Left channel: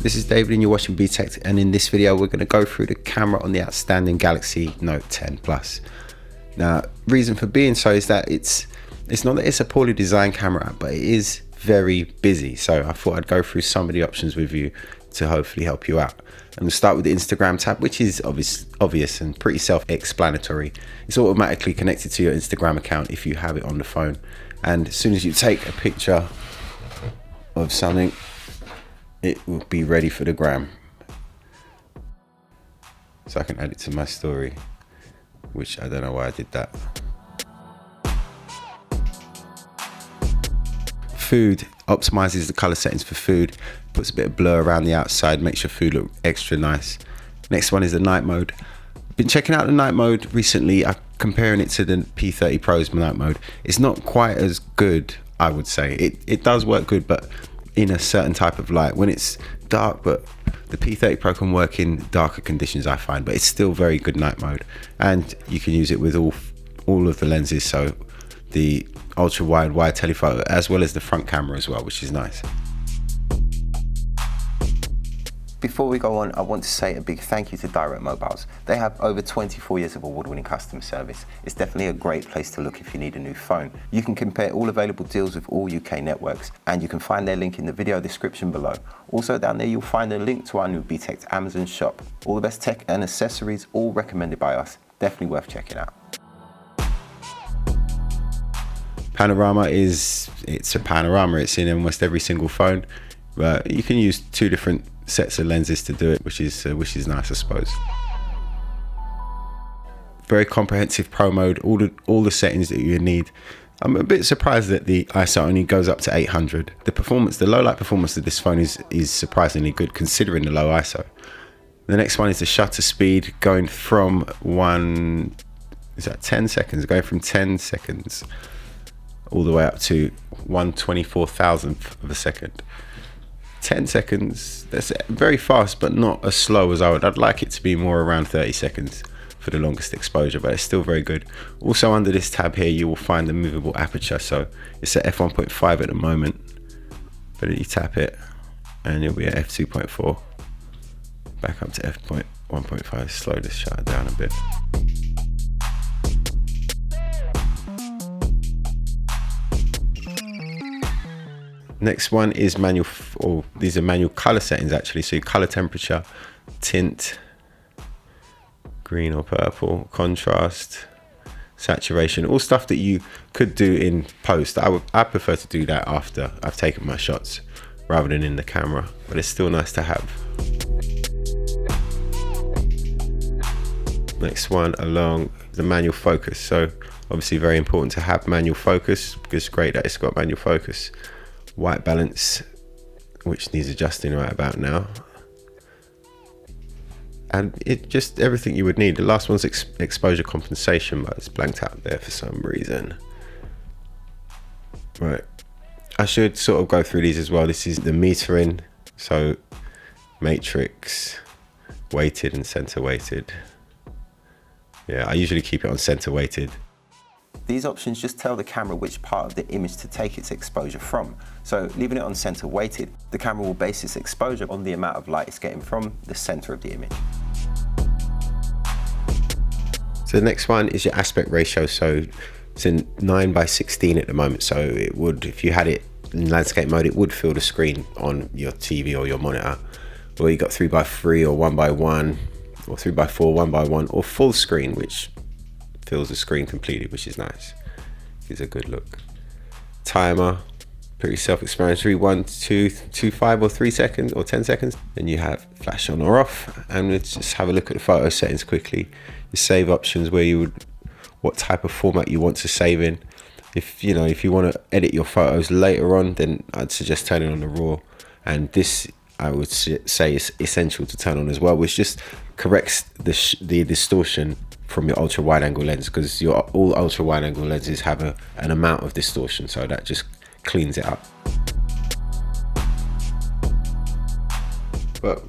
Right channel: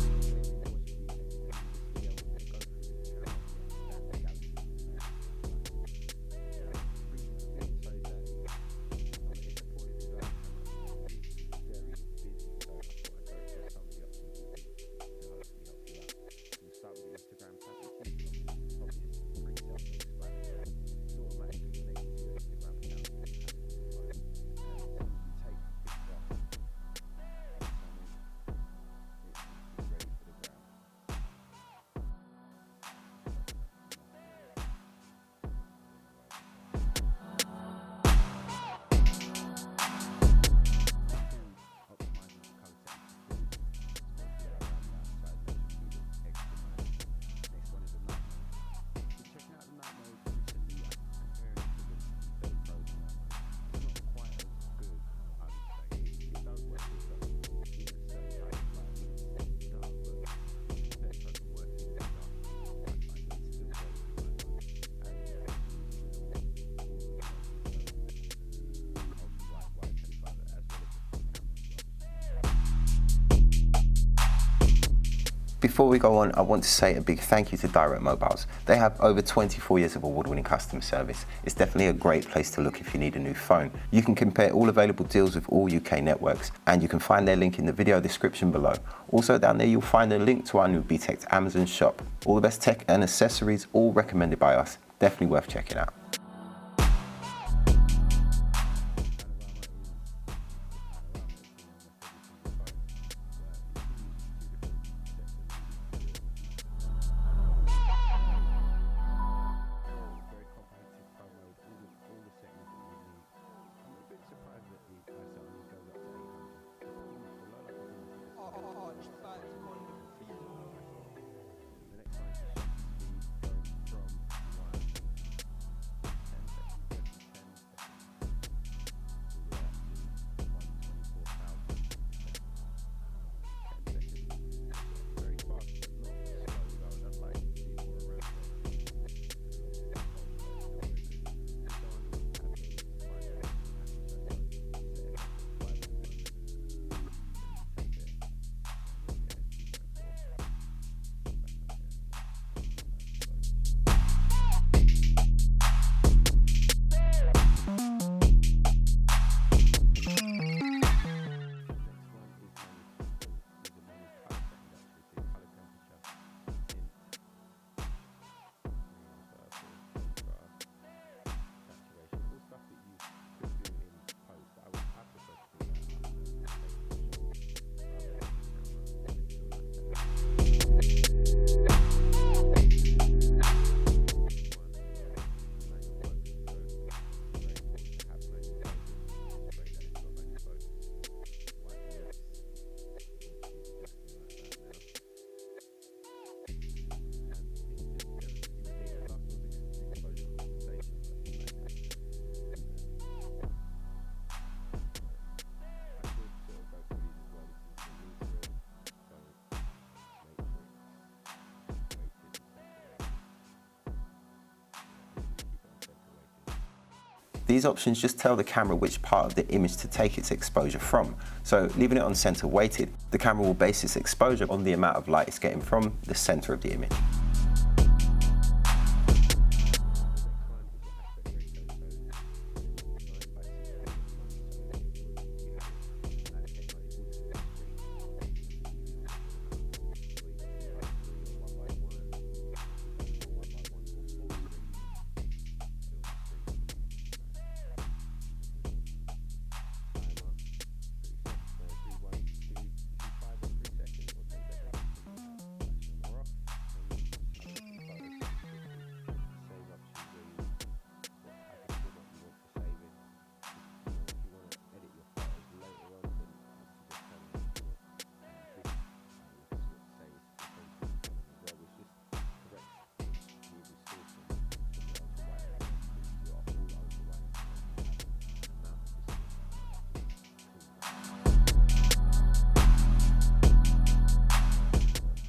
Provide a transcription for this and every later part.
This is David and you're watching Btekt, and in this video we're going to go through the camera on the outstanding Galaxy Note 10 Plus. Now, reason for being so is that it's not that it's a poorly designed camera, but it is very busy. So I thought I'd go through some of the options with you to hopefully help you out. And we'll start with the Instagram tab, which is obvious and pretty self-explanatory. It's automatically connected to your Instagram account if you have it on the phone. And as soon as you take a picture of something, it will be ready for the gram. So I can add it to my story, which I don't know why I did that. Food optimizes the color settings for food, puts a bit of blur around the outside, makes your food look extra nice. Next one is the night mode. Been checking out the night mode recently. I'm comparing it to the P30 Pro's night mode. It's not quite as good, I would say. It does work good, but in a certain type of light. When it's dark, but the P30 Pro can work in darker conditions, I find, but it's still very good night mode. And you can use it with all of the lenses, so the ultra wide telephoto, as well as the front camera as well, which is nice. Before we go on, I want to say a big thank you to Direct Mobiles. They have over 24 years of award-winning customer service. It's definitely a great place to look if you need a new phone. You can compare all available deals with all UK networks, and you can find their link in the video description below. Also down there you'll find a link to our new Btekt Amazon shop. All the best tech and accessories, all recommended by us. Definitely worth checking out. Panorama it's a panorama. It's in almost every single phone. You can use two different sets of lenses to do it, which is nice, I suppose. Very comprehensive Pro mode, all the settings that you need. I'm a bit surprised that the ISO only goes up to 800. The low light performance of this phone is surprisingly good considering the low ISO. The next one is the shutter speed, going from 10 seconds, going from 10 seconds all the way up to 1/24,000th of a second. 10 seconds, that's very fast, but not as slow as I'd like it to be more around 30 seconds for the longest exposure, but it's still very good. Also under this tab here, you will find the movable aperture. So it's at f1.5 at the moment, but you tap it and you'll be at f2.4. Back up to f1.5, slow this shutter down a bit. Next one is these are manual color settings actually. So your color temperature, tint, green or purple, contrast, saturation, all stuff that you could do in post. I prefer to do that after I've taken my shots rather than in the camera, but it's still nice to have. Next one along the manual focus. So obviously very important to have manual focus, because it's great that it's got manual focus. White balance, which needs adjusting right about now, and it just everything you would need. The last one's exposure compensation, but it's blanked out there for some reason. Right, I should sort of go through these as well. This is the metering, so matrix, weighted and center weighted. Yeah, I usually keep it on center weighted. These options just tell the camera which part of the image to take its exposure from. So leaving it on center weighted, the camera will base its exposure on the amount of light it's getting from the center of the image. So the next one is your aspect ratio. So it's in 9:16 at the moment. So it would, if you had it in landscape mode, it would fill the screen on your TV or your monitor. Or you got 3:3 or 1:1 or 3:4, 1:1 or full screen, which fills the screen completely, which is nice. Gives a good look. Timer, pretty self-explanatory, 1, 2, 2, 5 or 3 seconds or 10 seconds. Then you have flash on or off, and let's just have a look at the photo settings quickly. Your save options, what type of format you want to save in. If you want to edit your photos later on, then I'd suggest turning on the RAW, and this I would say is essential to turn on as well, which just corrects the distortion from your ultra wide angle lens, because all ultra wide angle lenses have an amount of distortion, so that just cleans it up. But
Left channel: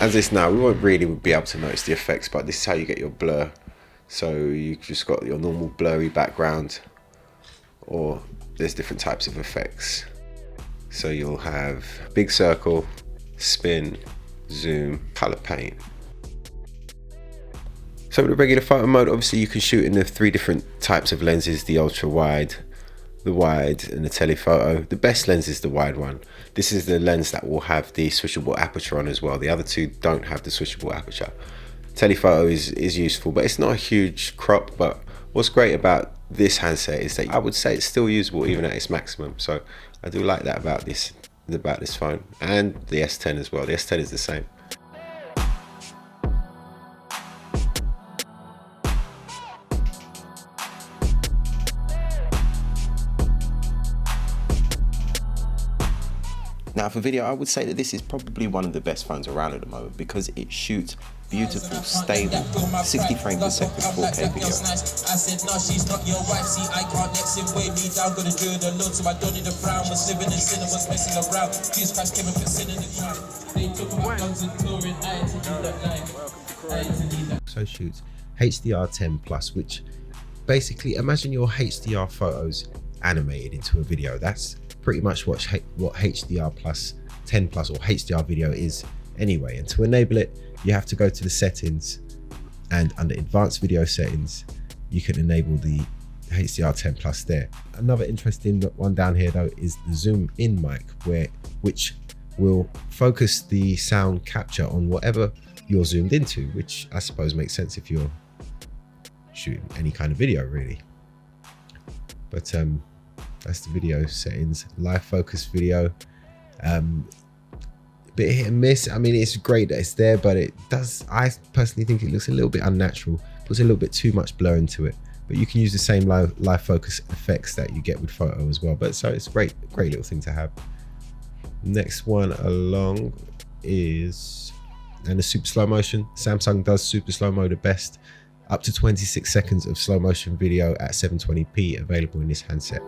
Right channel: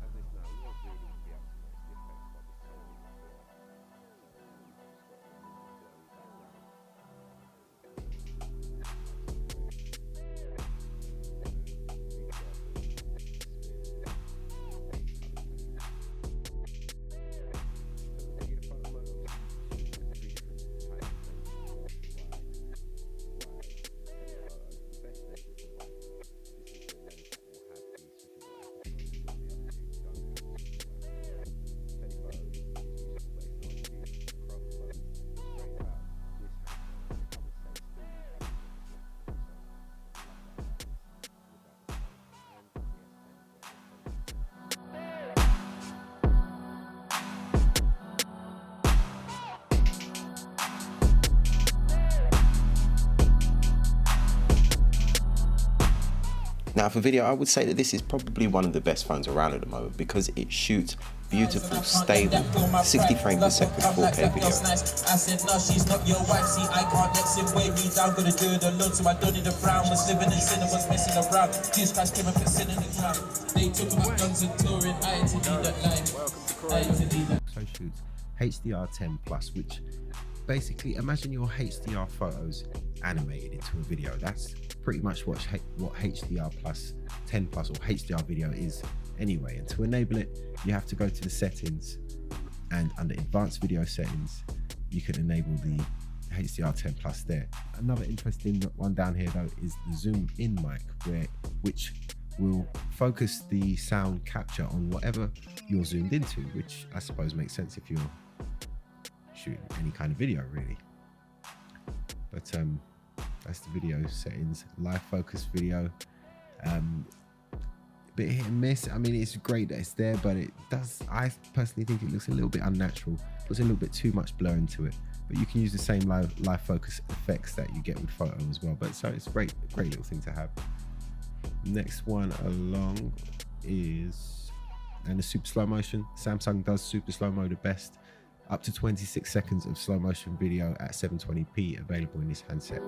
as this now, we won't really be able to notice the effects, but this is how you get your blur. So you just got your normal blurry background, or there's different types of effects. So you'll have big circle, spin, zoom, color paint. So with the regular photo mode, obviously you can shoot in the 3 different types of lenses, the ultra wide, the wide, and the telephoto. The best lens is the wide one. This is the lens that will have the switchable aperture on as well. The other 2 don't have the switchable aperture. Telephoto is useful, but it's not a huge crop. But what's great about this handset is that I would say it's still usable even at its maximum. So I do like that about this phone, and the S10 as well. The S10 is the same. Now for video, I would say that this is probably one of the best phones around at the moment because it shoots beautiful, stable, 60 frames per second 4K video. I said, no, she's not your wife. See, I can't let him weigh me down. Gonna do it alone, so I don't need a frown. Was living in sin and was messing around. Jesus Christ came and put sin in the cloud. They took my guns and touring. I had to do that line. So shoots HDR10 plus, which basically imagine your HDR photos animated into a video. That's pretty much what HDR plus 10 plus or HDR video is anyway. And to enable it, you have to go to the settings, and under advanced video settings you can enable the HDR10 plus there. Another interesting one down here though is the zoom in mic, which will focus the sound capture on whatever you're zoomed into, which I suppose makes sense if you're shooting any kind of video really. But that's the video settings. Live focus video, bit hit and miss. I mean, it's great that it's there, but I personally think it looks a little bit unnatural. There's a little bit too much blur into it, but you can use the same live focus effects that you get with photo as well. But so it's great little thing to have. Next one along is, and the super slow motion. Samsung does super slow mo the best, up to 26 seconds of slow motion video at 720p available in this handset.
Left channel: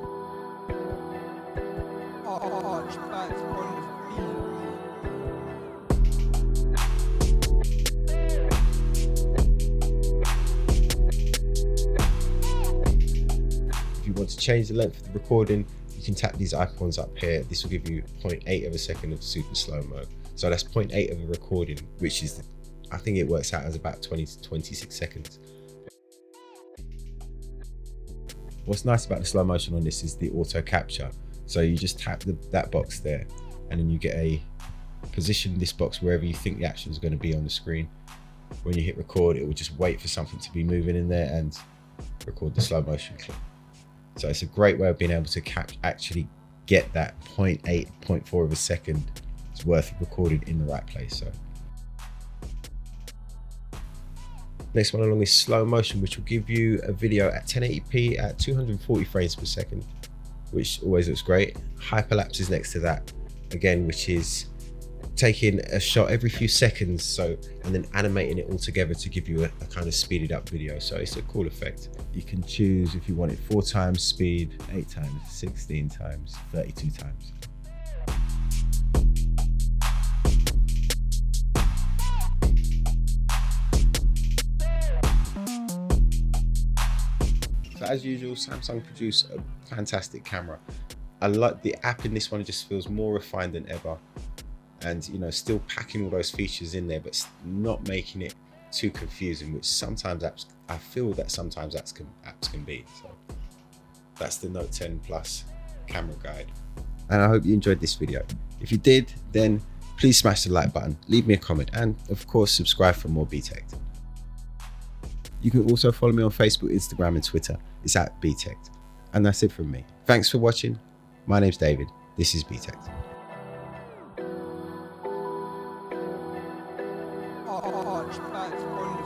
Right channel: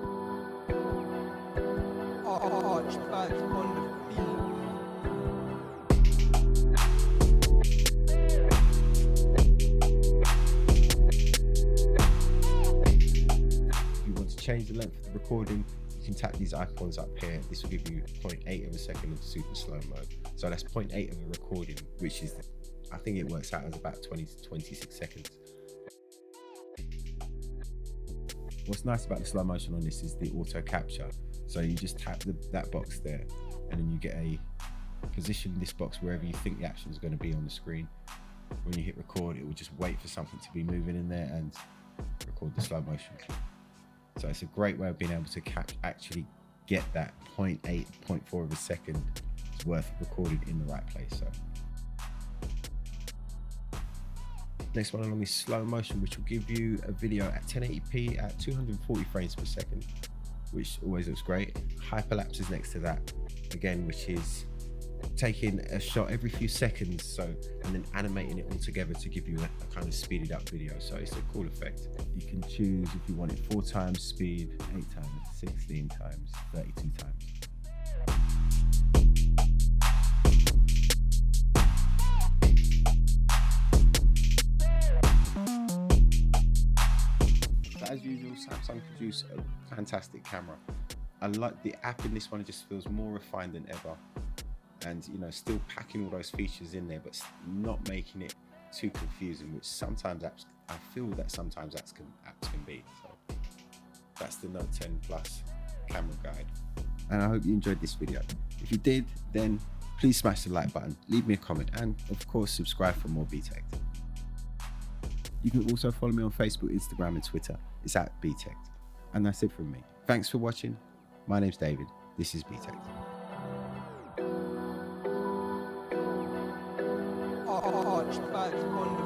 If you want to change the length of the recording, you can tap these icons up here. This will give you 0.8 of a second of super slow mode. So that's 0.8 of a recording, which is, I think it works out as about 20 to 26 seconds. What's nice about the slow motion on this is the auto capture. So you just tap that box there, and then you get a position this box wherever you think the action is going to be on the screen. When you hit record, it will just wait for something to be moving in there and record the slow motion clip. So it's a great way of being able to actually get that 0.8, 0.4 of a second worth of recording in the right place. So next one along is slow motion, which will give you a video at 1080p at 240 frames per second, which always looks great. Hyperlapse is next to that again, which is taking a shot every few seconds, and then animating it all together to give you a kind of speeded up video. So it's a cool effect. You can choose if you want it 4 times speed, 8 times, 16 times, 32 times. As usual, Samsung produce a fantastic camera. I like the app in this one. It just feels more refined than ever, and still packing all those features in there, but not making it too confusing, which sometimes I feel that sometimes apps can be. So that's the Note 10 Plus camera guide, and I hope you enjoyed this video. If you did, then please smash the like button, leave me a comment, and of course subscribe for more Btekt. You can also follow me on Facebook, Instagram, and Twitter. It's at Btekt. And that's it from me. Thanks for watching. My name's David. This is Btekt. Archie Ginsburg.